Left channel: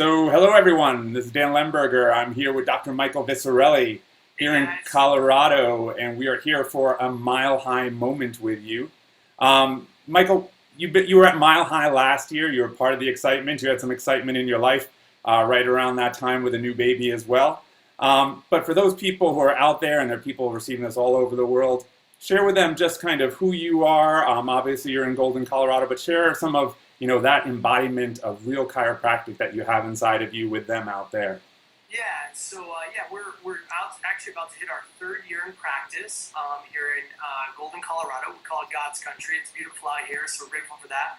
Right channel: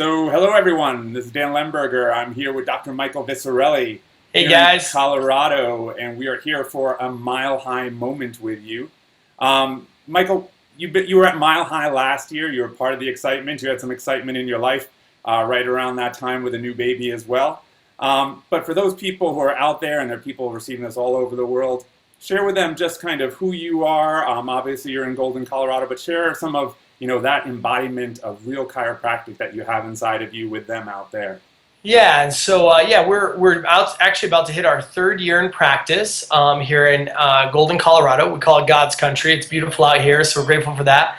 So, hello everyone. This is Dan Lemberger. I'm here with Dr. Michael Visarelli Hey here in guys. Colorado, and we are here for a Mile High moment with you. Michael, you were at Mile High last year. You were part of the excitement. You had some excitement in your life right around that time with a new baby as well. But for those people who are out there, and there are people receiving this all over the world, share with them just kind of who you are. Obviously, you're in Golden, Colorado, but share some of that embodiment of real chiropractic that you have inside of you with them out there. Yeah, and so we're actually about to hit our third year in practice here in Golden, Colorado. We call it God's country. It's beautiful out here, so we're grateful for that.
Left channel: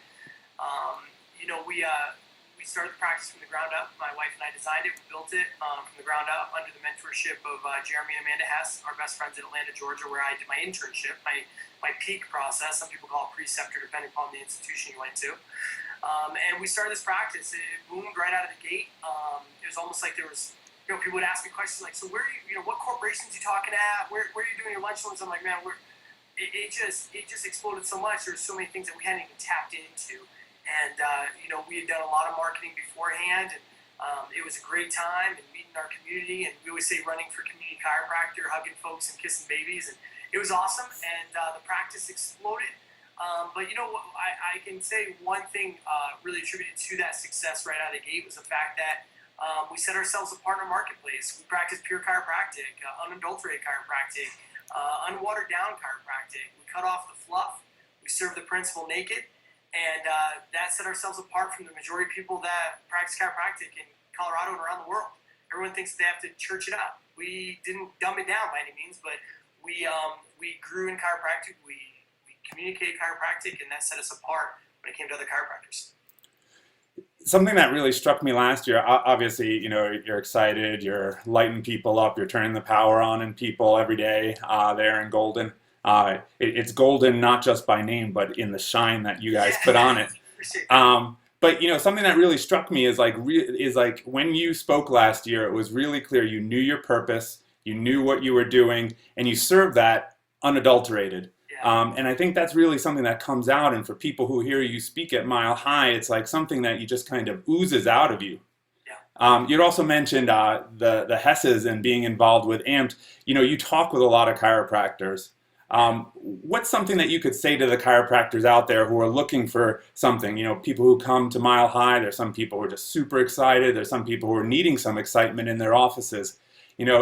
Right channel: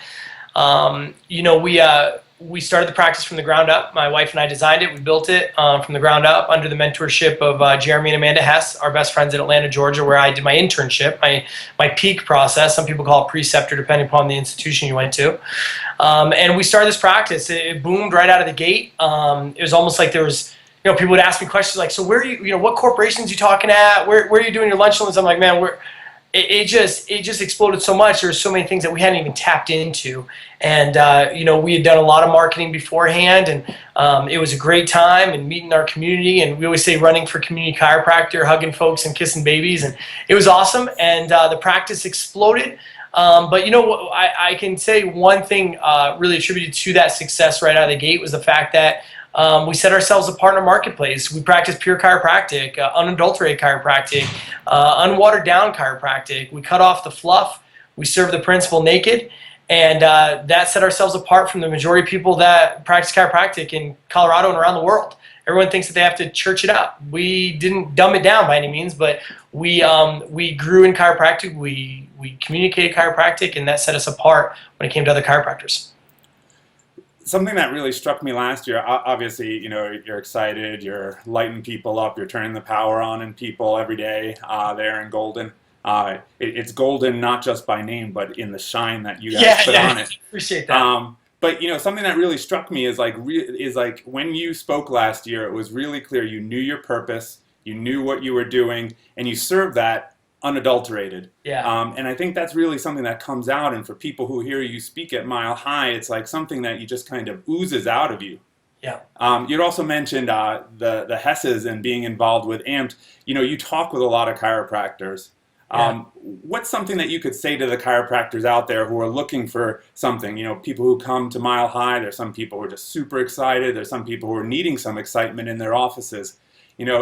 We started the practice from the ground up. My wife and I designed it. We built it from the ground up under the mentorship of Jeremy and Amanda Hess, our best friends in Atlanta, Georgia, where I did my internship, my peak process. Some people call it preceptor, depending upon the institution you went to. And we started this practice. It boomed right out of the gate. It was almost like there was, people would ask me questions like, so where do you, what corporations are you talking at? Where are you doing your lunch lunches? I'm like, man, it just exploded so much. There were so many things that we hadn't even tapped into. And, we had done a lot of marketing beforehand, and it was a great time and meeting our community. And we always say running for community chiropractor, hugging folks and kissing babies. And it was awesome. And the practice exploded. But I can say one thing really attributed to that success right out of the gate was the fact that we set ourselves apart in our marketplace. We practice pure chiropractic, unadulterated chiropractic, unwatered down chiropractic. We cut off the fluff. We serve the principle naked. And that set ourselves apart from the majority of people that practice chiropractic in Colorado and around the world. Everyone thinks that they have to church it up. We didn't dumb it down by any means, but we grew in chiropractic. We communicated chiropractic, and that set us apart when it came to other chiropractors. Something that really struck me last year, obviously, you're excited, you're lighting people up, you're turning the power on in people every day there in Golden. It's golden not just by name, but in the shine that you guys put on it. Appreciate that. But something that really struck me is like when you spoke last year, it was really clear you knew your purpose, you knew what you were doing, and you served that unadulterated. Yeah. And I think that's really something that comes out. And for people who hear you speak at Mile High, it's like something that you just kind of oozes out of you. Yeah. You'd also mentioned the Hesses and being involved with AMPed. You talk with a lot of chiropractors. What's something that you could say to the chiropractors out there who are looking for something? People who come to Mile High, there's some people who are just super excited. There's some people who are needing some excitement in their offices.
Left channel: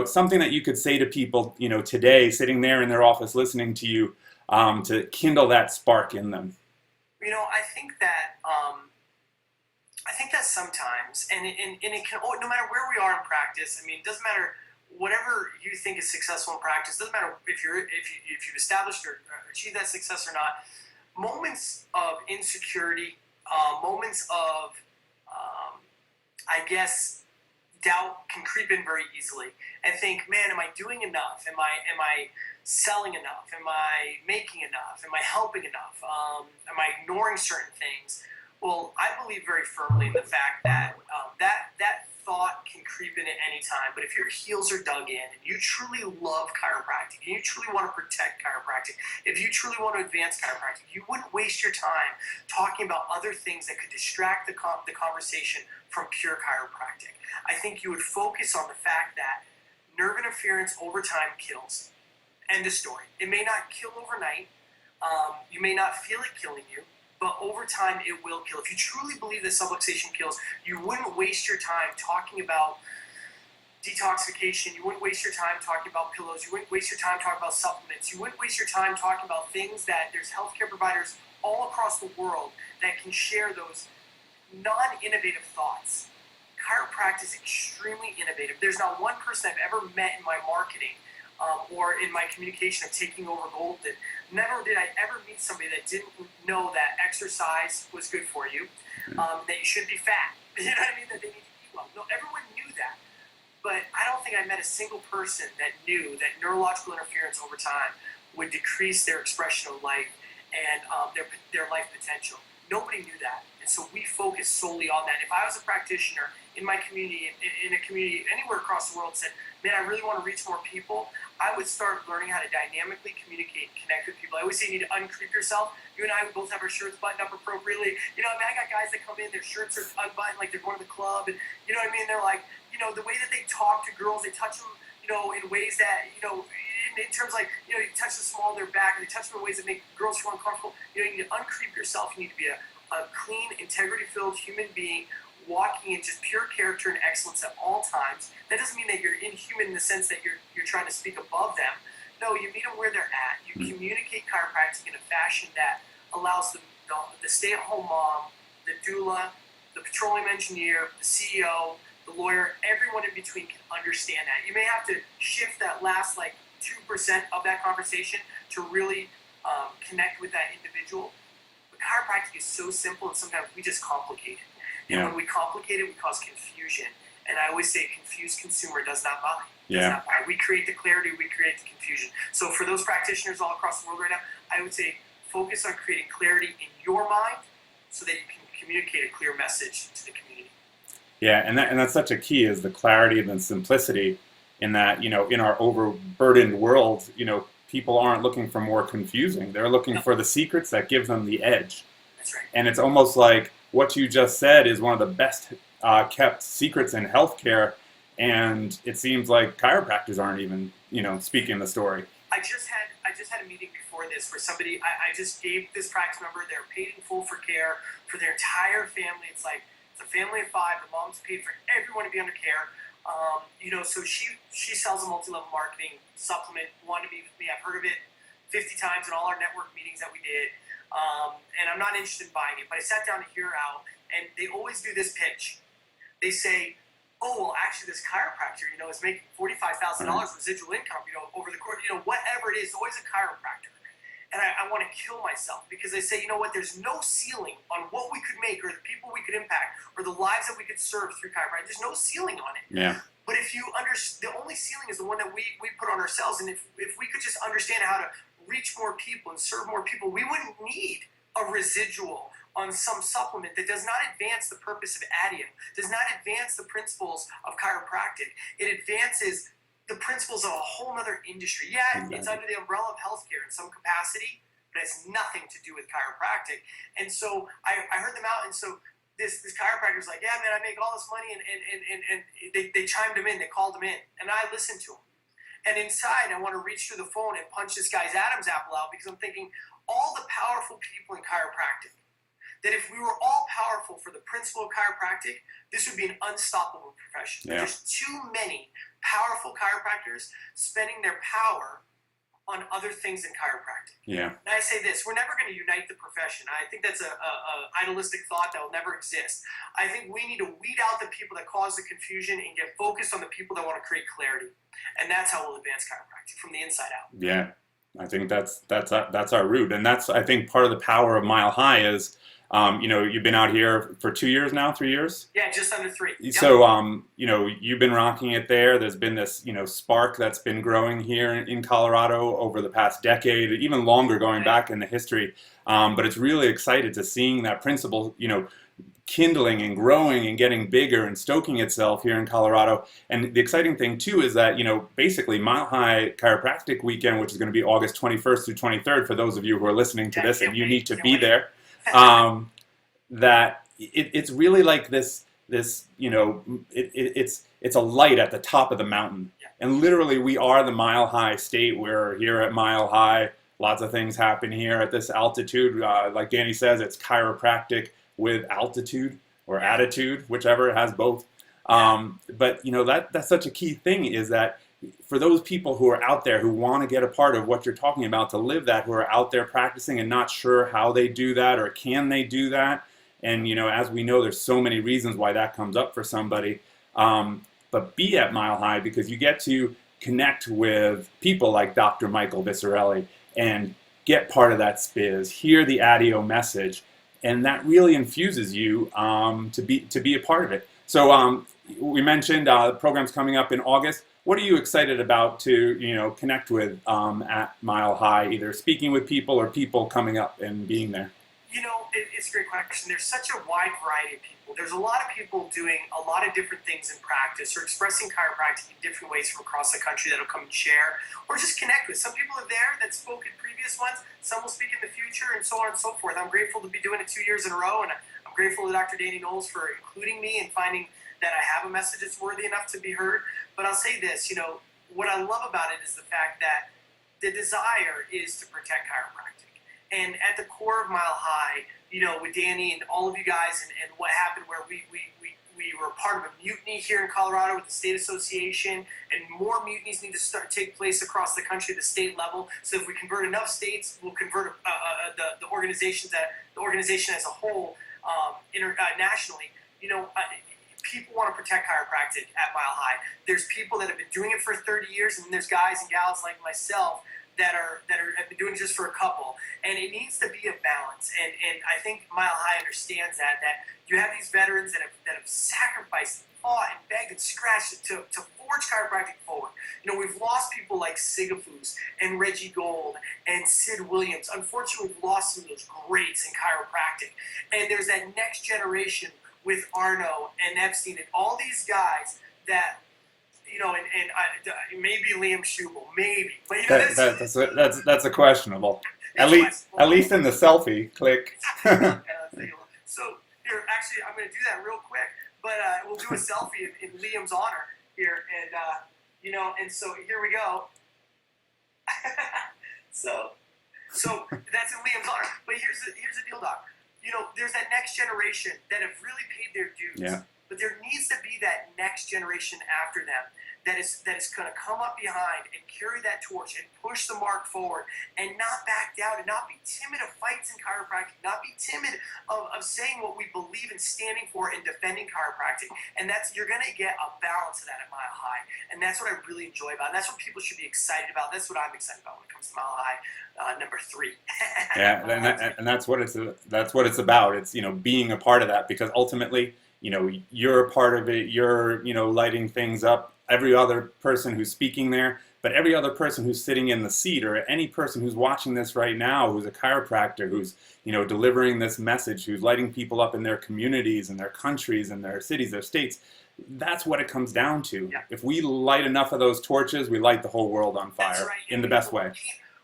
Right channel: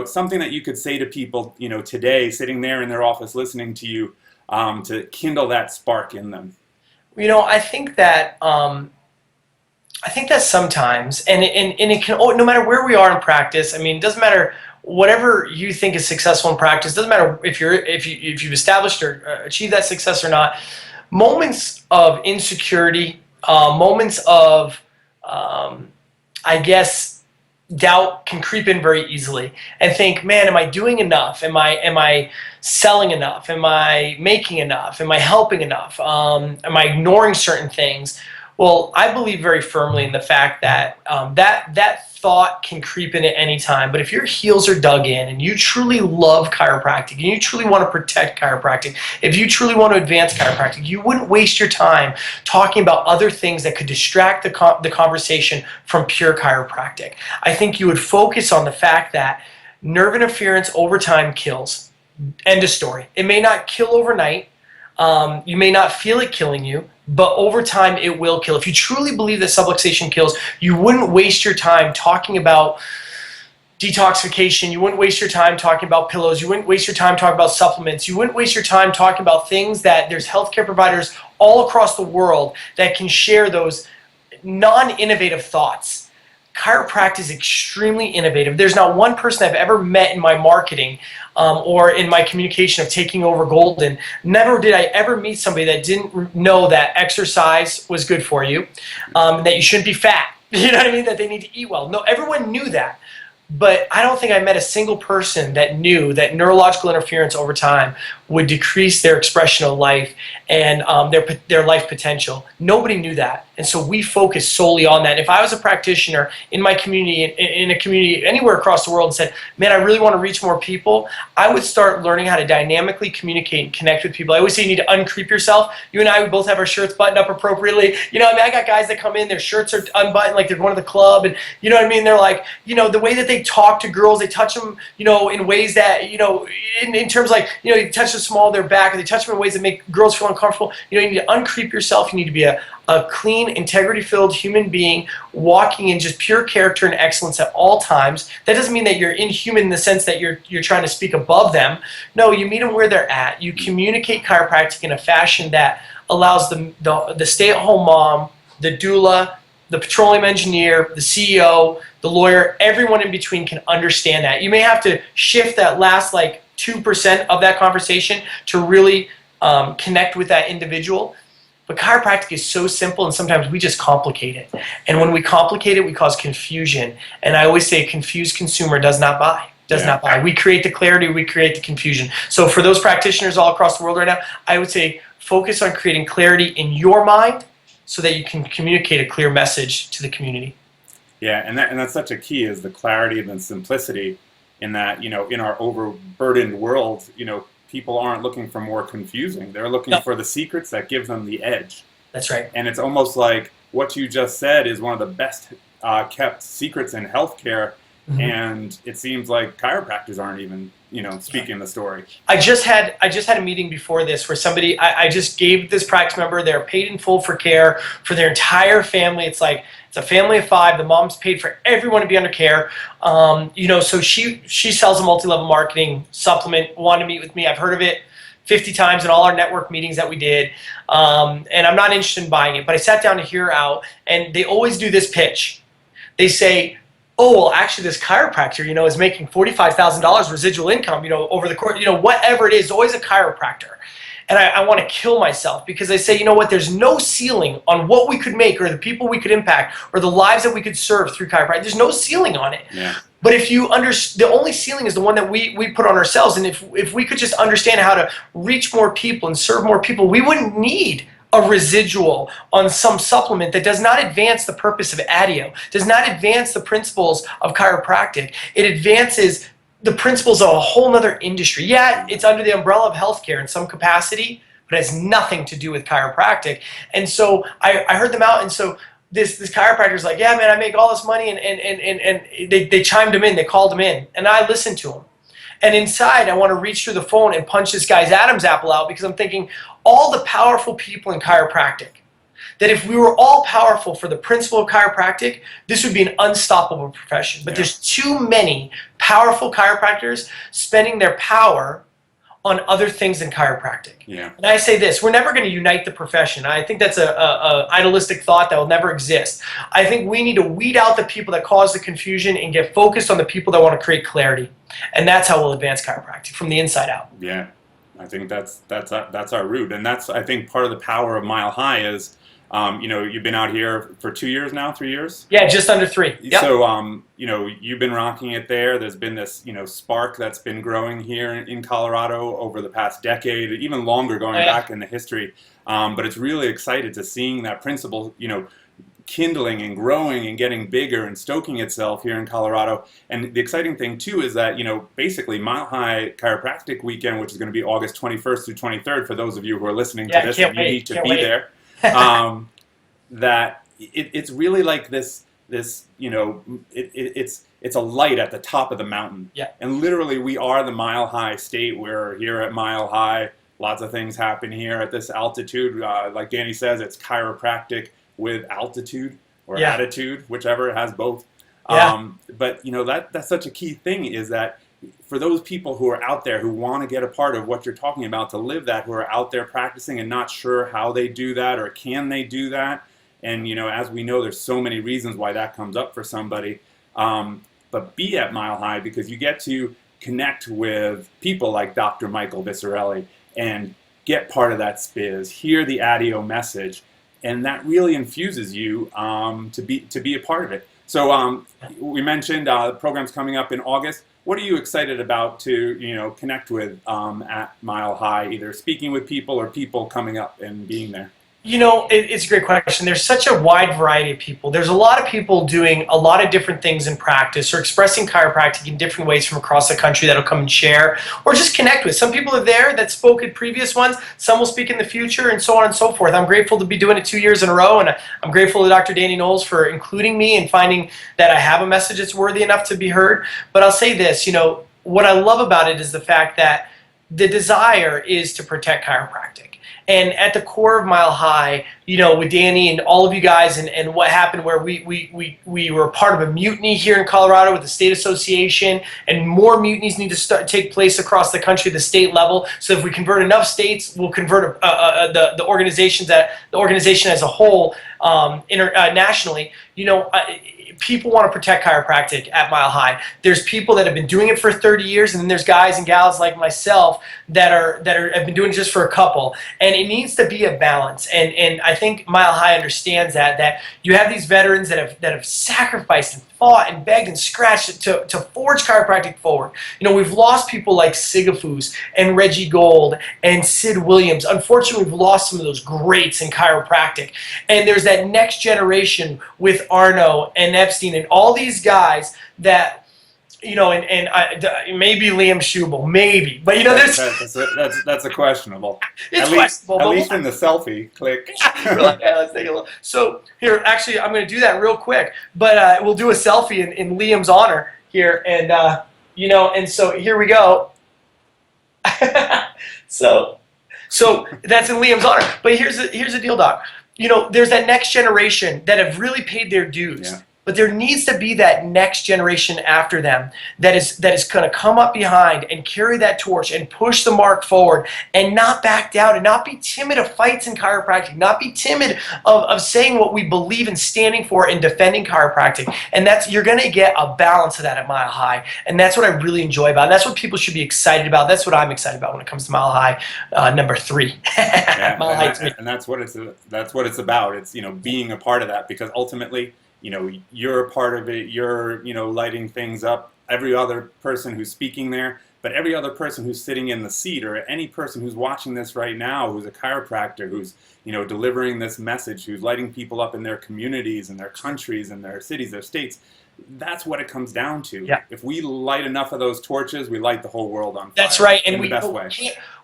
Something that you could say to people, today, sitting there in their office listening to you, to kindle that spark in them. I think that sometimes, and it can, no matter where we are in practice. I mean, it doesn't matter. Whatever you think is successful in practice, doesn't matter if you've established or achieved that success or not. Moments of insecurity, moments of, I guess, doubt can creep in very easily, and think, man, am I doing enough? Am I selling enough? Am I making enough? Am I helping enough? Am I ignoring certain things? Well, I believe very firmly in the fact that that thought can creep in at any time. But if your heels are dug in and you truly love chiropractic and you truly want to protect chiropractic, if you truly want to advance chiropractic, you wouldn't waste your time talking about other things that could distract the conversation from pure chiropractic. I think you would focus on the fact that nerve interference over time kills. End of story. It may not kill overnight. You may not feel it killing you, but over time it will kill. If you truly believe that subluxation kills, you wouldn't waste your time talking about detoxification. You wouldn't waste your time talking about pillows. You wouldn't waste your time talking about supplements. You wouldn't waste your time talking about things that there's healthcare providers all across the world that can share those non-innovative thoughts. Chiropractic is extremely innovative. There's not one person I've ever met in my marketing or in my communication of taking over Golden. Never did I ever meet somebody that didn't know that exercise was good for you, that you shouldn't be fat, you know what I mean, that they need to eat well. No, everyone knew that. But I don't think I met a single person that knew that neurological interference over time would decrease their expression of life and their life potential. Nobody knew that And so we focus solely on that. If I was a practitioner in my community, in a community anywhere across the world, and said, man, I really want to reach more people, I would start learning how to dynamically communicate and connect with people. I always say you need to uncreep yourself. You and I, we both have our shirts buttoned up appropriately. You know, I mean, I got guys that come in, their shirts are unbuttoned like they're going to the club, and you know what I mean? They're like, you know, the way that they talk to girls, they touch them, you know, in ways that, you know, in terms like, you know, you touch the small of their back, or they touch them in ways that make girls feel uncomfortable. You know, you need to uncreep yourself. You need to be a clean, integrity-filled human being walking in just pure character and excellence at all times. That doesn't mean that you're inhuman in the sense that you're trying to speak above them. No, you meet them where they're at. You communicate chiropractic in a fashion that allows the stay-at-home mom, the doula, the petroleum engineer, the CEO, the lawyer, everyone in between can understand that. You may have to shift that last like 2% of that conversation to really connect with that individual. But chiropractic is so simple, and sometimes we just complicate it. And when we complicate it, we cause confusion. And I always say a confused consumer does not buy. Does not buy. We create the clarity, we create the confusion. So for those practitioners all across the world right now, I would say focus on creating clarity in your mind so that you can communicate a clear message to the community. Yeah, and that's such a key, is the clarity and the simplicity, in that, you know, in our overburdened world, you know, people aren't looking for more confusing. They're looking for the secrets that give them the edge. That's right. And it's almost like what you just said is one of the best kept secrets in healthcare. Mm-hmm. And it seems like chiropractors aren't even, you know, speaking the story. I just had a meeting before this where somebody, I just gave this practice member, they're paid in full for care for their entire family. It's like, it's a family of 5. The mom's paid for everyone to be under care. You know, so she sells a multi-level marketing supplement, wanted to meet with me. I've heard of it 50 times in all our network meetings that we did. And I'm not interested in buying it, but I sat down to hear her out, and they always do this pitch. They say, oh, well, actually this chiropractor, you know, is making $45,000 residual income, you know, over the course, you know, whatever it is, always a chiropractor. And I want to kill myself, because they say, you know what, there's no ceiling on what we could make, or the people we could impact, or the lives that we could serve through chiropractic. There's no ceiling on it. Yeah. But if you the only ceiling is the one that we put on ourselves. And if we could just understand how to reach more people and serve more people, we wouldn't need a residual on some supplement that does not advance the purpose of ADIO, does not advance the principles of chiropractic. It advances the principles of a whole nother industry. Yeah, it's under the umbrella of healthcare in some capacity, but it has nothing to do with chiropractic. And so I heard them out, and so this chiropractor's like, yeah, man, I make all this money, and they chimed him in, they called him in, and I listened to him. And inside, I want to reach through the phone and punch this guy's Adam's apple out, because I'm thinking, all the powerful people in chiropractic, that if we were all powerful for the principle of chiropractic, this would be an unstoppable profession. But there's too many powerful chiropractors spending their power on other things than chiropractic. Yeah. And I say this, we're never going to unite the profession. I think that's a idealistic thought that will never exist. I think we need to weed out the people that cause the confusion and get focused on the people that want to create clarity. And that's how we'll advance chiropractic, from the inside out. Yeah. I think that's our root. And that's, I think, part of the power of Mile High is, you know, you've been out here for 2 years now, 3 years? Yeah, just under 3. Yep. So, you know, you've been rocking it there. There's been this, you know, spark that's been growing here in Colorado over the past decade, even longer going back in the history. But it's really excited to seeing that principle, you know, kindling and growing and getting bigger and stoking itself here in Colorado. And the exciting thing too is that, you know, basically Mile High Chiropractic Weekend, which is going to be August 21st through 23rd, for those of you who are listening to this and you need to be there, that it's really like this, you know, it's a light at the top of the mountain. Yeah. And literally we are the Mile High state. We're here at Mile High. Lots of things happen here at this altitude. Like Danny says, it's chiropractic with altitude or attitude, whichever, it has both. But you know, that's such a key thing, is that for those people who are out there who want to get a part of what you're talking about, to live that, who are out there practicing and not sure how they do that or can they do that. And you know, as we know, there's so many reasons why that comes up for somebody. But be at Mile High, because you get to connect with people like Dr. Michael Viscerelli and get part of that spiz, hear the ADIO message, and that really infuses you to be a part of it. So we mentioned the program's coming up in August. What are you excited about to, you know, connect with at Mile High, either speaking with people or people coming up and being there? It's a great question. There's such a wide variety of people. There's a lot of people doing a lot of different things in practice or expressing chiropractic in different ways from across the country that'll come and share or just connect with. Some people are there that spoke at previous ones. Some will speak in the future and so on and so forth. I'm grateful to be doing it 2 years in a row, and I'm grateful to Dr. Danny Knowles for including me and finding that I have a message that's worthy enough to be heard. But I'll say this, what I love about it is the fact that the desire is to protect chiropractic. And at the core of Mile High, with Danny and all of you guys, and what happened where we were part of a mutiny here in Colorado with the state association, and more mutinies need to take place across the country at the state level. So if we convert enough states, we'll convert the organization as a whole internationally. People want to protect chiropractic at Mile High. There's people that have been doing it for 30 years, and then there's guys and gals like myself that have been doing it just for a couple. And it needs to be a balance. And I think Mile High understands that you have these veterans that have sacrificed and fought and begged and scratched to forge chiropractic forward. We've lost people like Sigafus and Reggie Gold and Sid Williams. Unfortunately, we've lost some of those greats in chiropractic. And there's that next generation with Arno and Epstein and all these guys that, maybe Liam Schubel, maybe. But, that's a questionable. It's at least in the selfie, click. Yeah, let's take a look. So here, actually, I'm going to do that real quick, but we'll do a selfie in Liam's honor here, and and so here we go. so that's in Liam's honor. But here's the deal, Doc. There's that next generation that have really paid their dues. Yeah. But there needs to be that next generation after them that is going to come up behind and carry that torch and push the mark forward and not back down and not be timid of fights in chiropractic, not be timid of saying what we believe in, standing for and defending chiropractic. And you're going to get a balance of that at Mile High. And that's what I really enjoy about it. That's what people should be excited about. That's what I'm excited about when it comes to Mile High number 3. Yeah, and that's what it's about. It's being a part of that, because ultimately, you're a part of it, you're, lighting things up, every other person who's speaking there, but every other person who's sitting in the seat, or any person who's watching this right now, who's a chiropractor, who's, delivering this message, who's lighting people up in their communities and their countries and their cities, their states. That's what it comes down to. Yeah. If we light enough of those torches, we light the whole world on fire. That's right. And in the best way.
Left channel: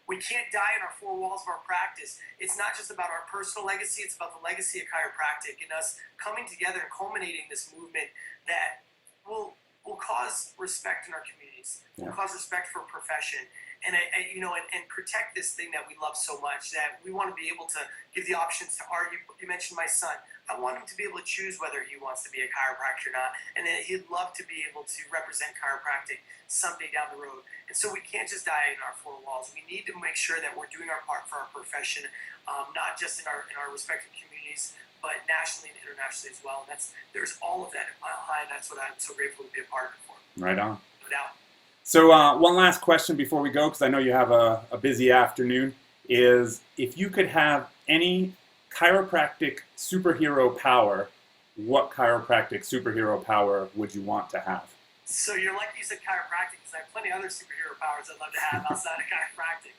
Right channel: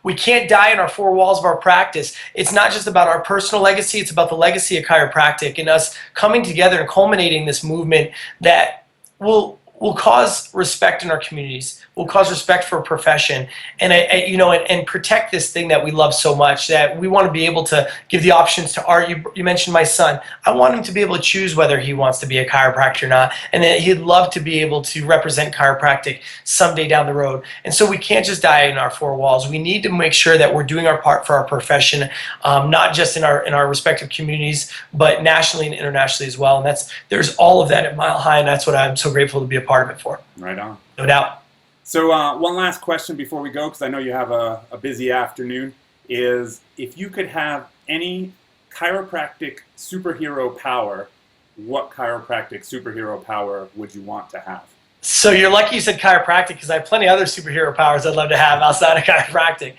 We can't die in our 4 walls of our practice. It's not just about our personal legacy, it's about the legacy of chiropractic and us coming together and culminating this movement that will cause respect in our communities, will cause respect for a profession, and and protect this thing that we love so much, that we want to be able to give the options to art. You mentioned my son. I want him to be able to choose whether he wants to be a chiropractor or not, and that he'd love to be able to represent chiropractic someday down the road. And so we can't just die in our 4 walls. We need to make sure that we're doing our part for our profession, not just in our respective communities, but nationally and internationally as well. And there's all of that at Mile High, and that's what I'm so grateful to be a part of it for. Right on. No doubt. So one last question before we go, because I know you have a busy afternoon, is if you could have any chiropractic superhero power, what chiropractic superhero power would you want to have? So you're lucky you said chiropractic, because I have plenty of other superhero powers I'd love to have outside of chiropractic.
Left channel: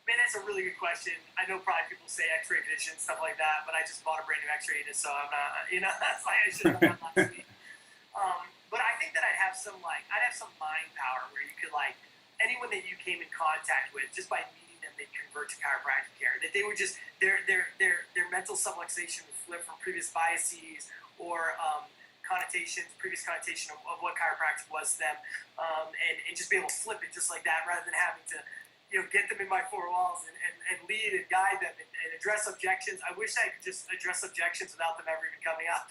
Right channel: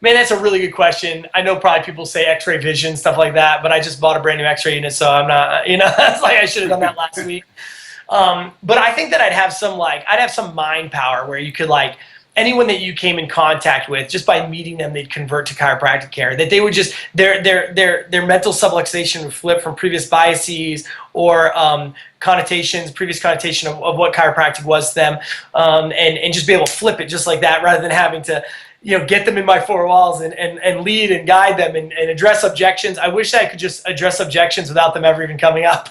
Man, that's a really good question. I know probably people say x-ray vision, stuff like that, but I just bought a brand new x-ray unit, so I'm not, that's like I should have done that last week. But I think that I'd have some mind power where you could, anyone that you came in contact with, just by meeting them, they'd convert to chiropractic care. That they would just, their mental subluxation would flip from previous biases or previous connotation of what chiropractic was to them, and just be able to flip it just like that, rather than having to get them in my 4 walls and lead and guide them and address objections. I wish I could just address objections without them ever even coming up.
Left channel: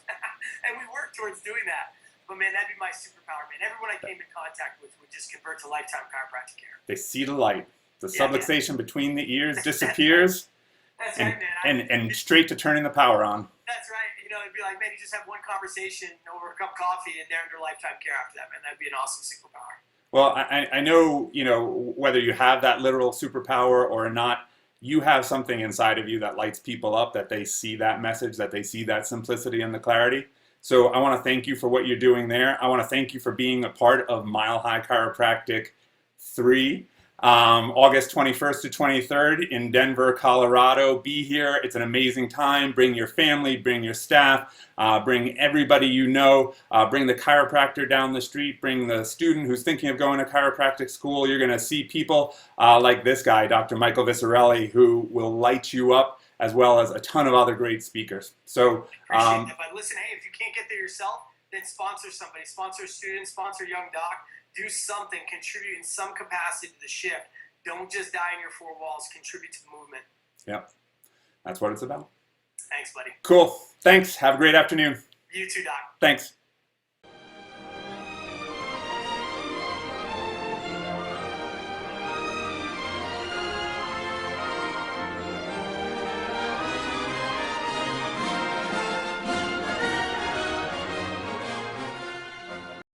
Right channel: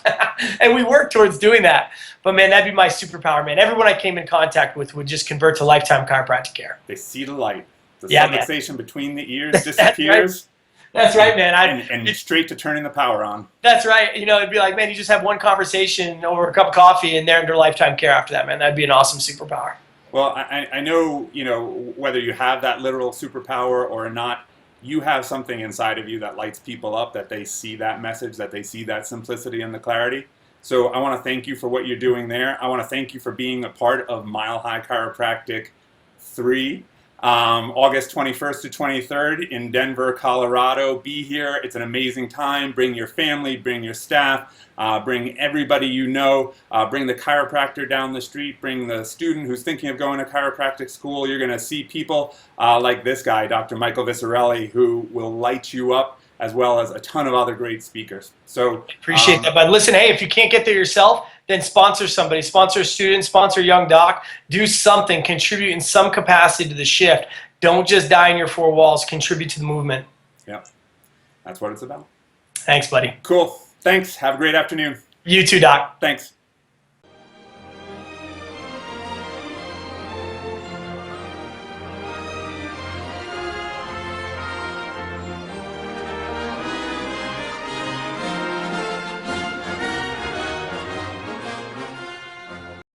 And we work towards doing that. But man, that'd be my superpower, man. Everyone I came in contact with would just convert to lifetime chiropractic care. They see the light. The subluxation between the ears disappears. That's right, man. And straight to turning the power on. That's right. It'd be like, man, you just have one conversation over a cup of coffee and they're under lifetime care after that, man. That'd be an awesome superpower. Well, I know, whether you have that literal superpower or not, you have something inside of you that lights people up, that they see that message, that they see that simplicity and the clarity. So I want to thank you for what you're doing there. I want to thank you for being a part of Mile High Chiropractic 3. August 21st to 23rd in Denver, Colorado. Be here. It's an amazing time. Bring your family, bring your staff, bring everybody you know, bring the chiropractor down the street, bring the student who's thinking of going to chiropractic school. You're going to see people like this guy, Dr. Michael Visarelli, who will light you up, as well as a ton of other great speakers. So appreciate that, bud. Listen, hey, if you can't get there yourself, then sponsor somebody, sponsor a student, sponsor a young doc, do something, contribute in some capacity to the shift. Don't just die in your four walls, contribute to the movement. Yeah, that's what it's about. Thanks, buddy. Cool. Thanks. Have a great afternoon. You too, Doc. Thanks.